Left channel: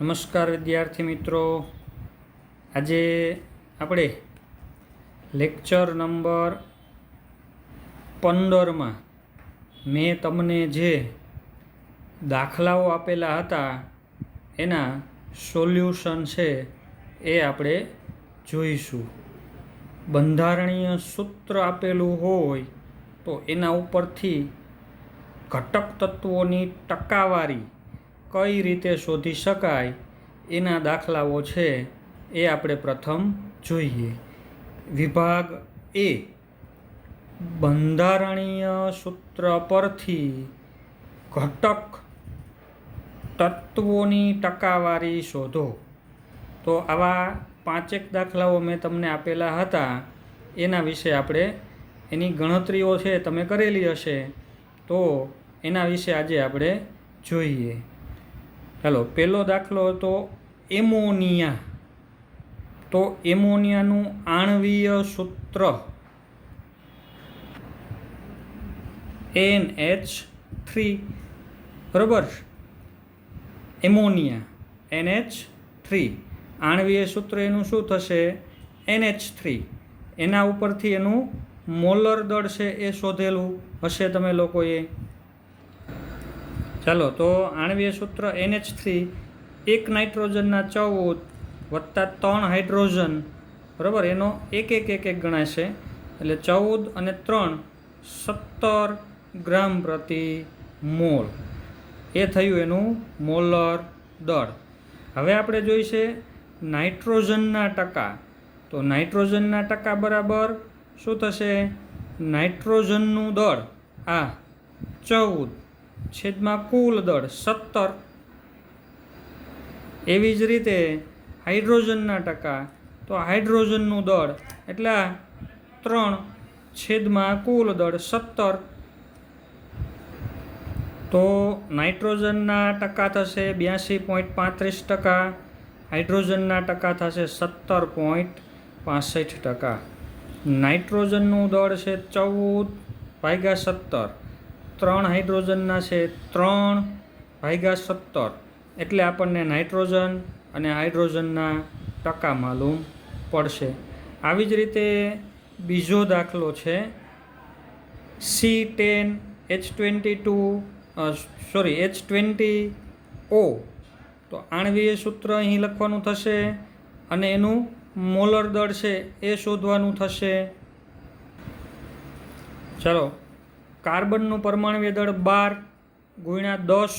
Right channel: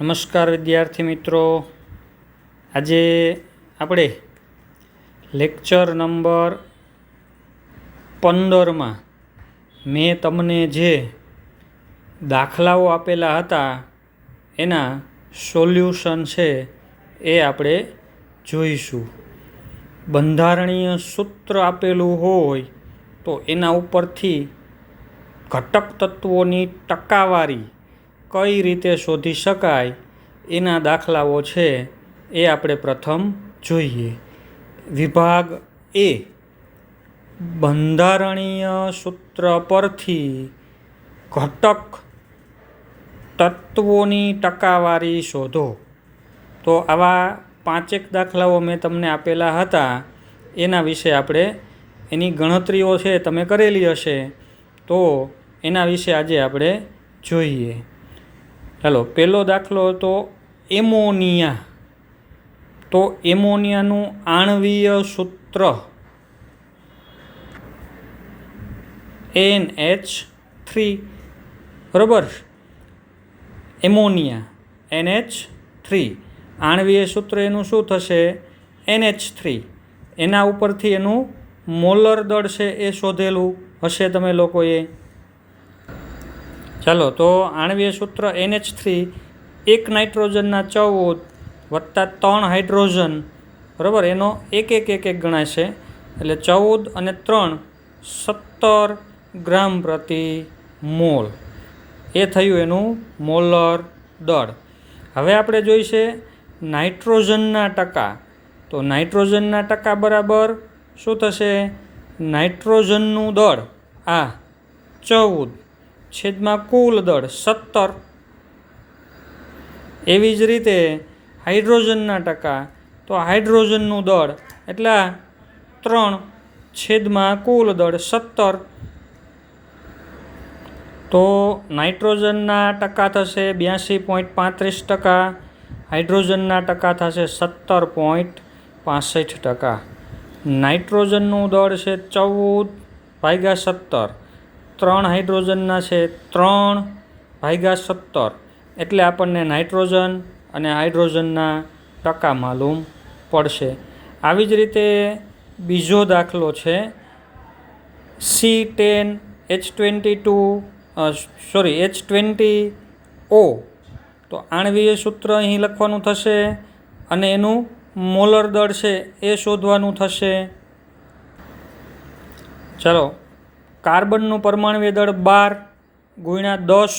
નમસ્કાર વિદ્યાર્થી મિત્રો, આજે આપણે લેક્ચર નંબર 15માં મેં તમને જે દાખલાઓ આપેલા હતા એના સોલ્યુશન છે એ આપણે જોઈશું. બંધારણીય સૂત્ર આપેલું હોય તો એના ઉપરથી ઘટક તત્વોની ટકાવારી કઈ રીતે શોધી શકાય એના દાખલાઓ છે એ આપણે પ્રથમ જોઈએ. વિભાગ એ, બંધારણીય સૂત્ર પરથી ઘટક તત્વોની ટકાવારી શોધો. તો આવા 5 દાખલાઓ મેં તમને આપેલા હતા, એના વિશે આપણે એની ગણતરીઓ છે તમે કરેલી હશે, તો એના વિશે આજે આપણે જોઈએ. ચાલો, પહેલો દાખલો હતો એમોનિયા. તો એમોનિયાનું આણ્વીય સૂત્ર NH3, બરાબર. એમોનિયા NH3, આણ્વીય સૂત્ર એનું શું થશે? NH3. એના ઉપરથી એનું મોલર દળ છે એ શોધેલું હશે તમે લોકોએ. ચાલો, તો આણ્વીય સૂત્ર NH3, 1 નાઇટ્રોજનના 14 વત્તા 3 હાઇડ્રોજન, બરાબર, એનો એક ગણાશે. એટલે 14 અને 3 17 ગ્રામ પ્રતિ મોલ. એ થયું એનું મોલર દળ. હવે આપણે જોઈશે નાઇટ્રોજનના ટકા. તો નાઇટ્રોજનના ટકા બરાબર શું થશે? નાઇટ્રોજનનું દળ આ 14 છેદમાં કુલ દળ 17. એવી જ રીતે હાઇડ્રોજનના ટકા, તો હાઇડ્રોજનનું દળ એટલે 3 છેદમાં કુલ દળ 17. તો નાઇટ્રોજનના ટકા થશે 82.35%, હાઇડ્રોજનના ટકા થશે 17.65%. નાઇટ્રોજનનું દળ છે 14/17, 3 હાઇડ્રોજનના છે 3/17. એટલે આપણને નાઇટ્રોજન અને હાઇડ્રોજનના ટકા માલુમ પડશે. આવી જ રીતે બીજો દાખલો છે H20O. તો આણ્વીય સૂત્ર અહીં લખવાનું થશે અને એનું મોલર દળ છે એ શોધવાનું થશે. ચાલો, કાર્બનનું પરમાણ્વીય દળ 12 × 10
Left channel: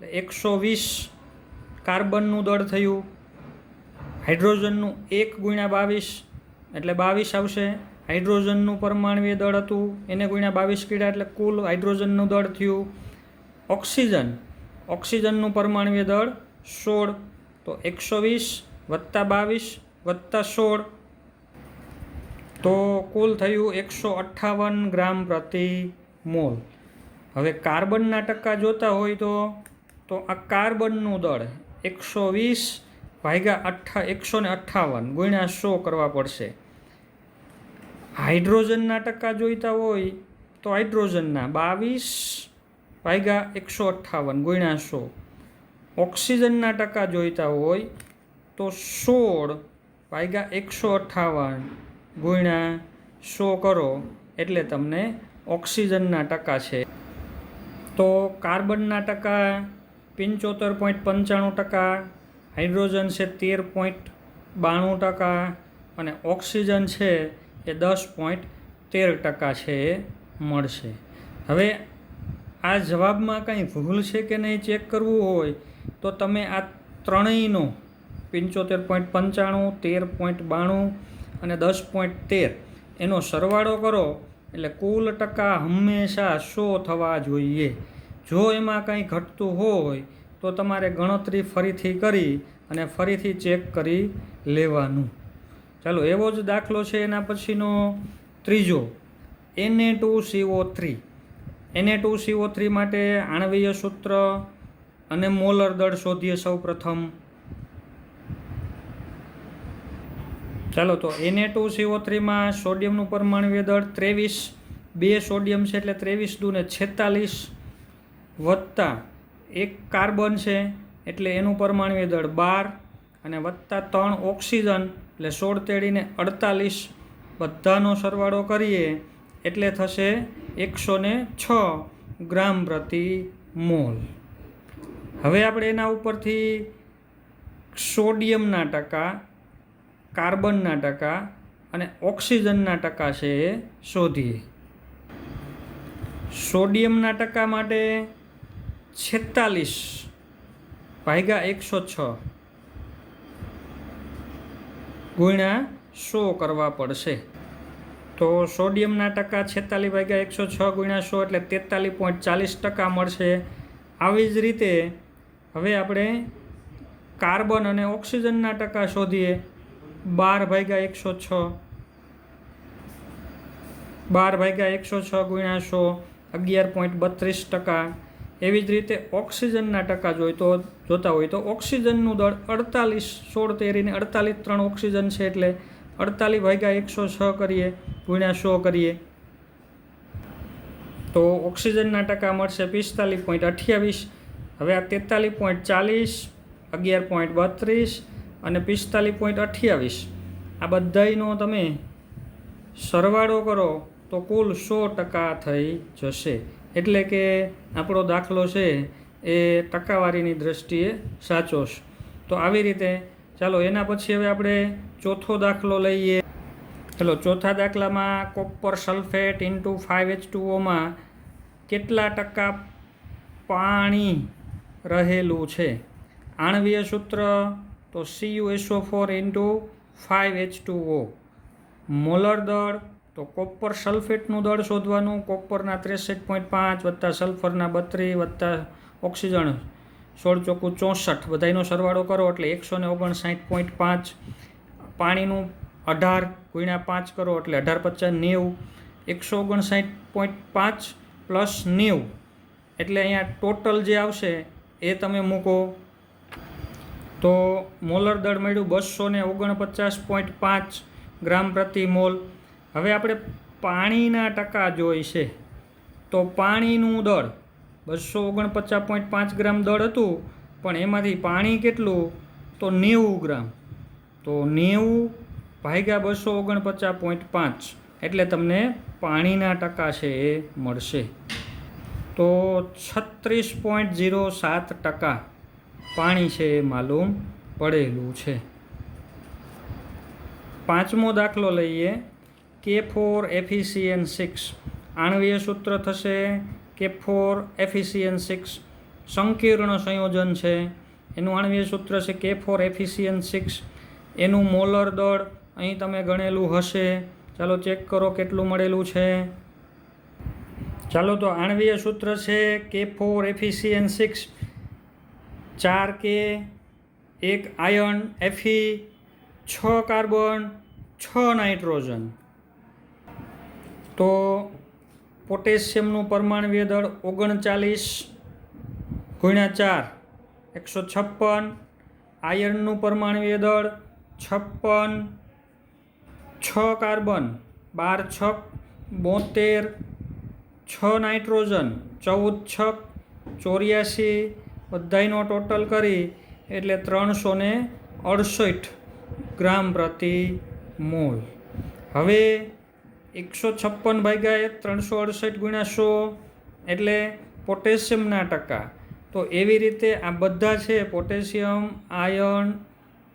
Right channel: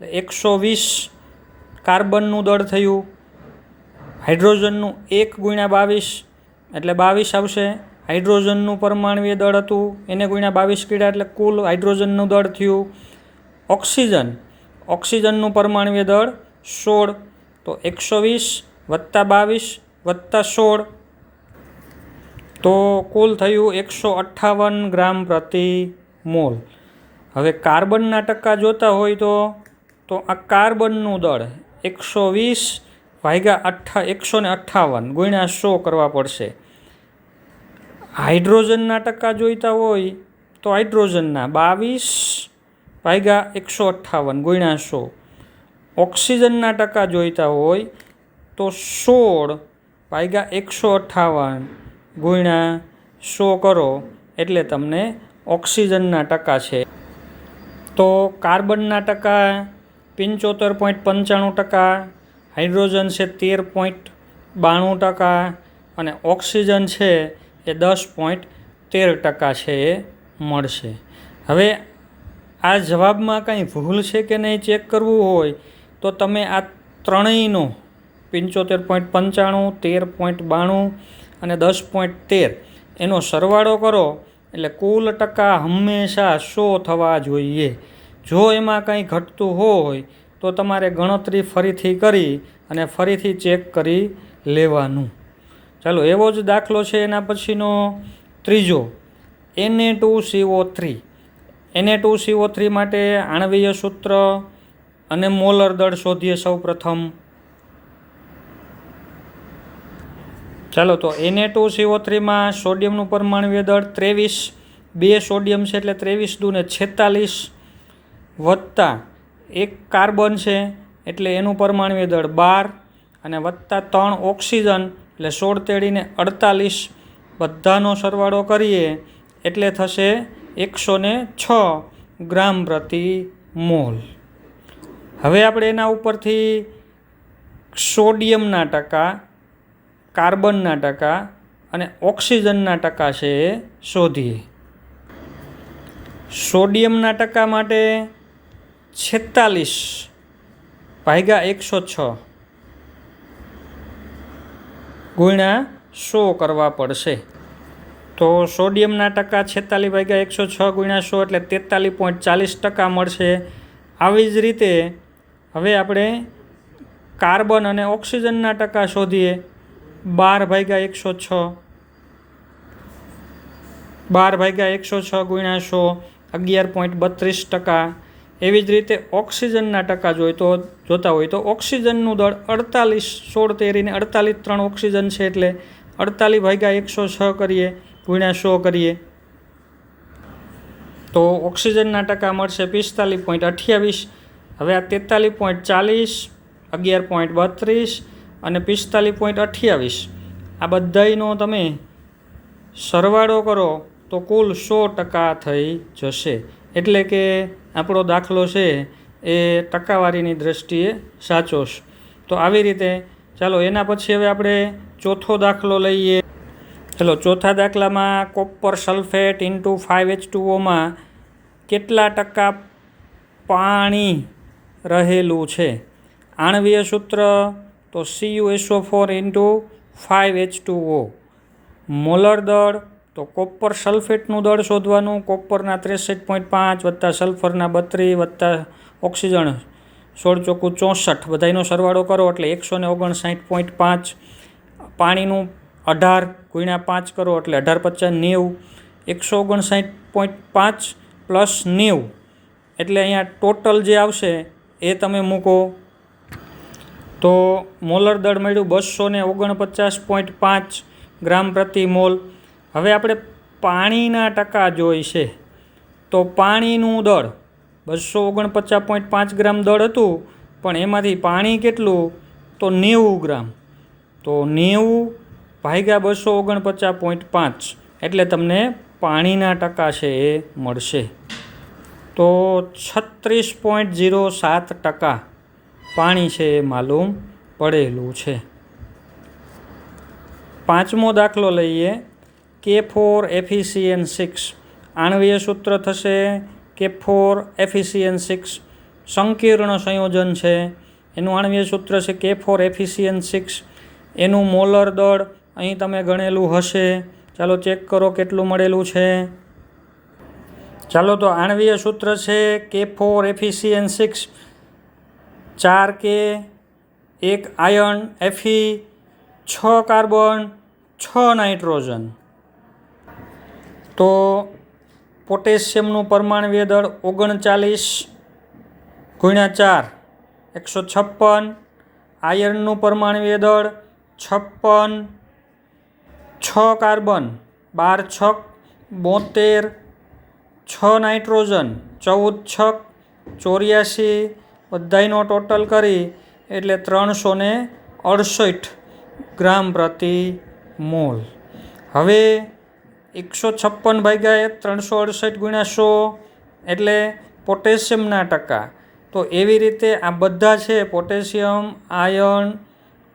120 કાર્બનનું દળ થયું. હાઇડ્રોજનનું 1 × 22 એટલે 22 આવશે. હાઇડ્રોજનનું પરમાણ્વીય દળ હતું એને ગુણ્યા 22 કર્યા એટલે કુલ હાઇડ્રોજનનું દળ થયું. ઓક્સિજનનું પરમાણ્વીય દળ 16. તો 120 વત્તા 22 વત્તા 16, તો કુલ થયું 158 ગ્રામ પ્રતિ મોલ. હવે કાર્બનના ટકા જોતા હોય તો આ કાર્બનનું દળ 158 ગુણ્યા 100 કરવા પડશે. હાઇડ્રોજનના ટકા જોઈતા હોય તો હાઇડ્રોજનના 22/158 ગુણ્યા 100. ઓક્સિજનના ટકા જોઈતા હોય તો 16/158 ગુણ્યા 100 કરો એટલે તમને ઓક્સિજનના ટકા છે. તો કાર્બનના ટકા 75.95%, હાઇડ્રોજન છે 13.92% અને ઓક્સિજન છે એ 10.13% છે એ મળશે. હવે આ જવાબમાં કંઈ ભૂલ છે કે નહીં ચેક કરવું હોય તો તમે આ ત્રણેયનો 75.95, 13.92 અને 10.13 એનો સરવાળો કરો એટલે કુલ ટકા હંમેશા 100 થવા જોઈએ. જો એમાં કંઈ ઘટતું હોય તો તમારે ગણતરી ફરીથી કરી અને ફરીથી ચેક કરી લેવાનું. ચાલો, એવો જ દાખલો છે એના પછીનો ત્રીજો Na2CO3. Na2CO3 માટે આણ્વીય સૂત્ર અને મોલર દળ શોધીએ સૌ પ્રથમ. ચાલો, તો Na2CO3માં સોડિયમનું પરમાણ્વીય દળ 23, 2 સોડિયમ છે એટલે 23 × 2 = 46 વત્તા 1 કાર્બન છે એટલે એનું પરમાણ્વીય દળ 12 અને વત્તા 3 ઓક્સિજન એટલે 16 તેડીને 48, બધાનો સરવાળો કરીએ એટલે થશે 106 ગ્રામ પ્રતિ મોલ. હવે આપણે એના ઉપરથી સોડિયમના ટકા, કાર્બનના ટકા અને ઓક્સિજનના ટકા છે એ શોધીએ. સોડિયમના ટકા માટે 46 ભાગ્યા 106 ગુણ્યા 100 કરવા પડશે. તો સોડિયમના ટકા 46 ભાગ્યા 106 ગુણ્યા 100 એટલે 43.40% મળશે. આવી જ રીતે હવે આપણે કાર્બન અને ઓક્સિજનના ટકા શોધીએ. 12 ભાગ્યા 106, 12 ભાગ્યા 106 ગુણ્યા 100 11.32%. એવી જ રીતે ઓક્સિજનના ટકા જોતા હોય તો ઓક્સિજનનું દળ 48, 16 તેરીને 48, 3 ઓક્સિજન છે એટલે 48 ભાગ્યા 106 કરીએ ગુણ્યા 100 કરીએ તો ઓક્સિજનના ટકા મળશે 45.28. હવે આ 43.40, 11.32 અને 45.28 આ બધાયનો તમે સરવાળો કરો તો કુલ 100% થઈ જશે. એટલે કે આપણો દાખલો છે એ ટકાવારીની દ્રષ્ટિએ સાચો છે. તો આવી રીતે ચાલો એના પછી હવે આપણે ચોથો દાખલો લઈએ. ચાલો ચોથા દાખલામાં કોપર સલ્ફેટ ઇન્ટુ 5H2Oમાં કેટલા ટકા પાણી રહેલું છે. આણ્વીય સૂત્ર તો CuSO4 ઇન્ટુ 5H2O. મોલર દળ તો કોપર સલ્ફેટનું દળ શોધવાનું. કોપરના 63.5 વત્તા સલ્ફરના 32 વત્તા ઓક્સિજન 16 ચોખ્ખું 64 બધાનો સરવાળો કરો એટલે 159.5. પાણીનું 18 ગુણ્યા 5 કરો એટલે 18 50 90. 159.5 પ્લસ 90 એટલે અહીંયા ટોટલ જે આવશે એ તમે મૂકો તો મોલર દળ મળ્યું 249.5 ગ્રામ પ્રતિ મોલ. હવે આપણે પાણીના ટકા જોઈશે તો પાણીનું દળ 249.5 ગ્રામ દળ હતું પણ એમાંથી પાણી કેટલું તો 90 ગ્રામ. તો 90 ભાગ્યા 249.5 એટલે તમને પાણીના ટકા છે એ મળશે. તો 36.07% પાણી છે એ માલુમ પડેલું છે. પાંચમો દાખલો લઈએ. K4FeCN6 આણ્વીય સૂત્ર થશે K4FeCN6 સંકીર્ણ સંયોજન છે. એનું આણ્વીય સૂત્ર છે K4FeCN6. એનું મોલર દળ અહીં તમે ગણેલું હશે. ચાલો ચેક કરો કેટલું મળેલું છે. ચાલો તો આણ્વીય સૂત્ર છે K4FeCN6 4K, 1 iron Fe, 6 carbon, 6 nitrogen. તો પોટેશિયમનું પરમાણ્વીય દળ 39 ગુણ્યા 4 156. આયર્નનું પરમાણ્વીય દળ 56, 6 કાર્બન 12 6 72, 6 નાઇટ્રોજન 14 6 84 બધાયનો ટોટલ કરી એટલે 368 ગ્રામ પ્રતિ મોલ. હવે 156 ભાગ્યા 368 ગુણ્યા 100 એટલે પોટેશિયમના ટકા. તો એવી રીતે આ બધા છે પોટેશિયમ, આયર્ન,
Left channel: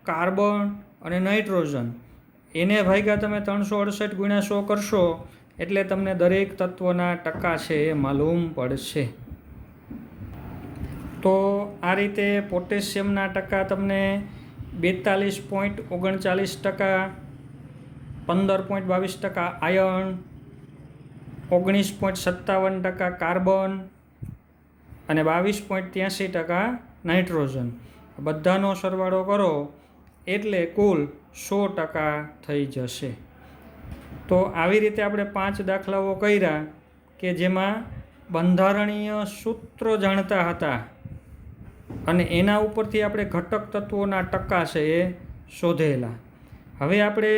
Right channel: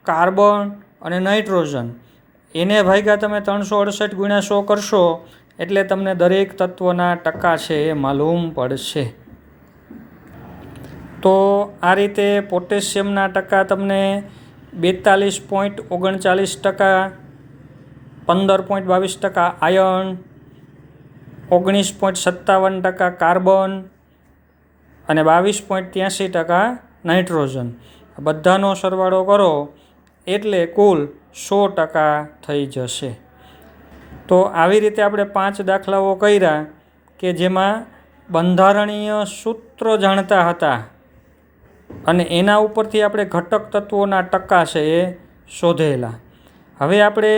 કાર્બન અને નાઇટ્રોજન એને ભાગ્યા તમે 368 ગુણ્યા 100 કરશો એટલે તમને દરેક તત્વના ટકા છે એ માલુમ પડશે. તો આ રીતે પોટેશિયમના ટકા તમને 42.39%, 15.22% આયર્ન, 19.57% કાર્બન અને 22.83% નાઇટ્રોજન બધાનો સરવાળો કરો એટલે કુલ 100% થઈ જશે. તો આવી રીતે આપણે 5 દાખલાઓ કર્યા કે જેમાં બંધારણીય સૂત્રો જાણતા હતા અને એના ઉપરથી આપણે ઘટક તત્વોના ટકા છે એ શોધેલા. હવે આપણે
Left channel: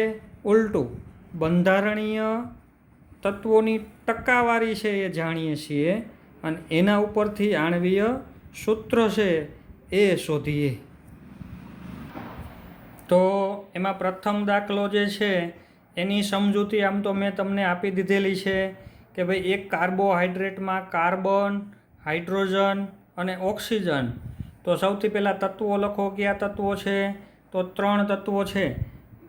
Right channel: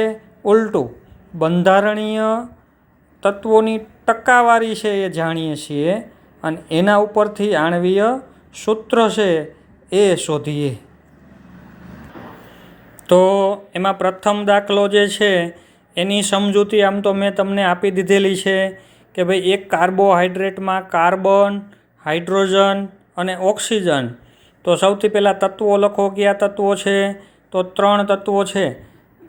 ઉલટું બંધારણીય તત્વોની ટકાવારી છે એ જાણીએ છીએ અને એના ઉપરથી આણ્વીય સૂત્ર છે એ શોધીએ. તો એમાં પ્રથમ દાખલો જે છે એની સમજૂતી આમ તો મેં તમને આપી દીધેલી છે કે ભાઈ એક કાર્બોહાઈડ્રેટમાં કાર્બન, હાઇડ્રોજન અને ઓક્સિજન. તો સૌથી પહેલાં તત્વો લખો. કયા તત્વો છે? તો 3 તત્વો છે,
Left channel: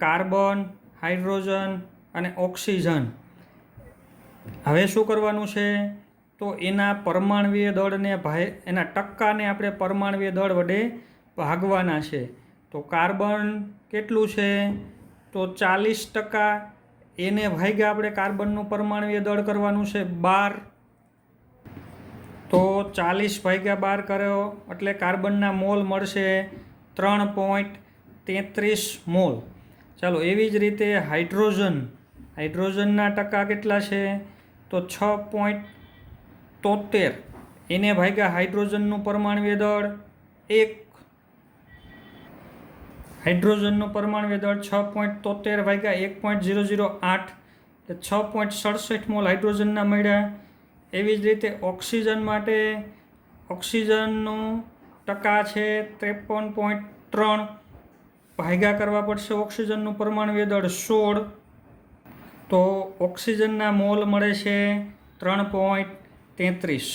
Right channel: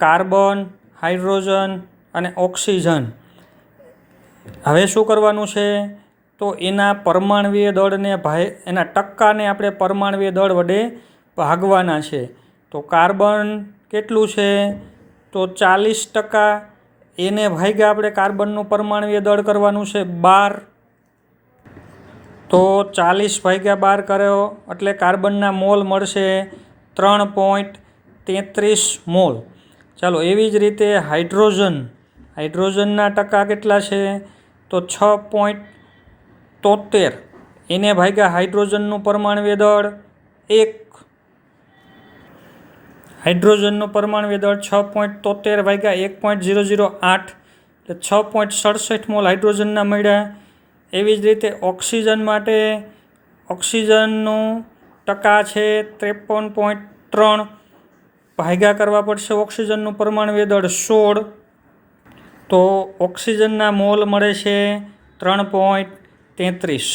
કાર્બન, હાઇડ્રોજન અને ઓક્સિજન. હવે શું કરવાનું છે? તો એના પરમાણવીય દળને એના ટકાને આપણે પરમાણવીય દળ વડે ભાગવાના છે. તો કાર્બન કેટલું છે? તો 40%. એને ભાગ્યા આપણે કાર્બનનું પરમાણવીય દળ કરવાનું છે 12. તો 40/12 કર્યો એટલે કાર્બનના મોલ મળશે 3.33 મોલ. ચાલો, એવી જ રીતે હાઇડ્રોજનના ટકા કેટલા છે? તો 6.73. એને ભાગ્યા હાઇડ્રોજનનું પરમાણવીય દળ 1. હાઇડ્રોજનનું પરમાણવીય દળ 6.73 ભાગ્યા 1.008 એટલે 6.67 મોલ હાઇડ્રોજનના મળ્યા. એવી જ રીતે ઓક્સિજન માટે ઓક્સિજનનું ટકા છે 53.3. ભાગ્યા કરવા પડશે ઓક્સિજનનું પરમાણવીય દળ 16. તો ઓક્સિજનના મોલ મળે છે 3.33.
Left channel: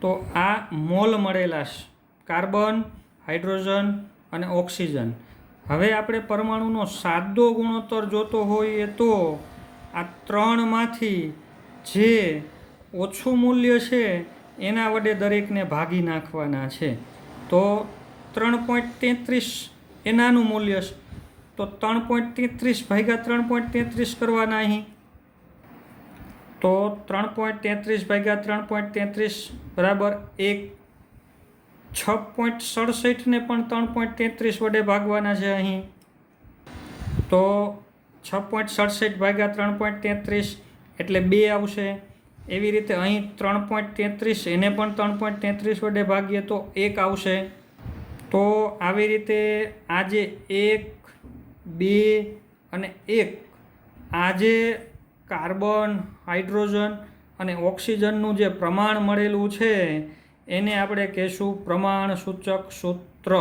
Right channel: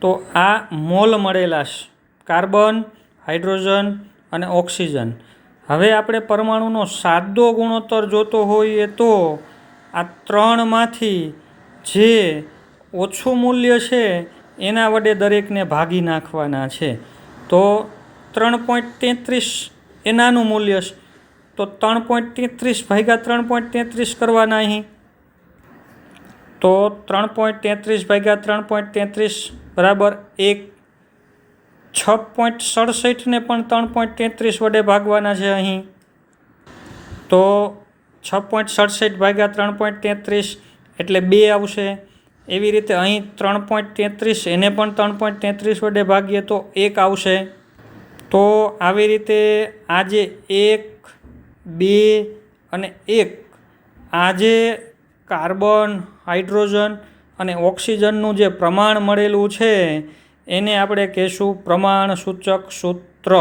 તો આ મોલ મળેલા છે કાર્બન, હાઇડ્રોજન અને ઓક્સિજન. હવે આપણે પરમાણુનો સાદો ગુણોત્તર જોતો હોઈએ તો આ 3માંથી જે ઓછું મૂલ્ય છે એના વડે દરેકને ભાગી નાખવાના છે. તો 3.33 એ નાનું મૂલ્ય છે. તો 3.33 ભાગ્યા 3.33 કરવાના અહીં. તો 3.33 ભાગ્યા 3.33 બરાબર 1. 6.67ને પણ 3.33 વડે ભાગવાના છે અહીં. તો 6.67 ભાગ્યા 3.33 એટલે 2 આવશે. એવી રીતે અહીં 3.33 એને પણ 3.33 વડે ભાગીએ તો 1 આવશે. તો આવી રીતે આ જે 1, 2 અને 1 આ જે કાર્બન, હાઇડ્રોજન અને ઓક્સિજનનું જે પ્રમાણ મળેલું છે એને આપણે કહીશું પ્રમાણ સૂચક સૂત્ર.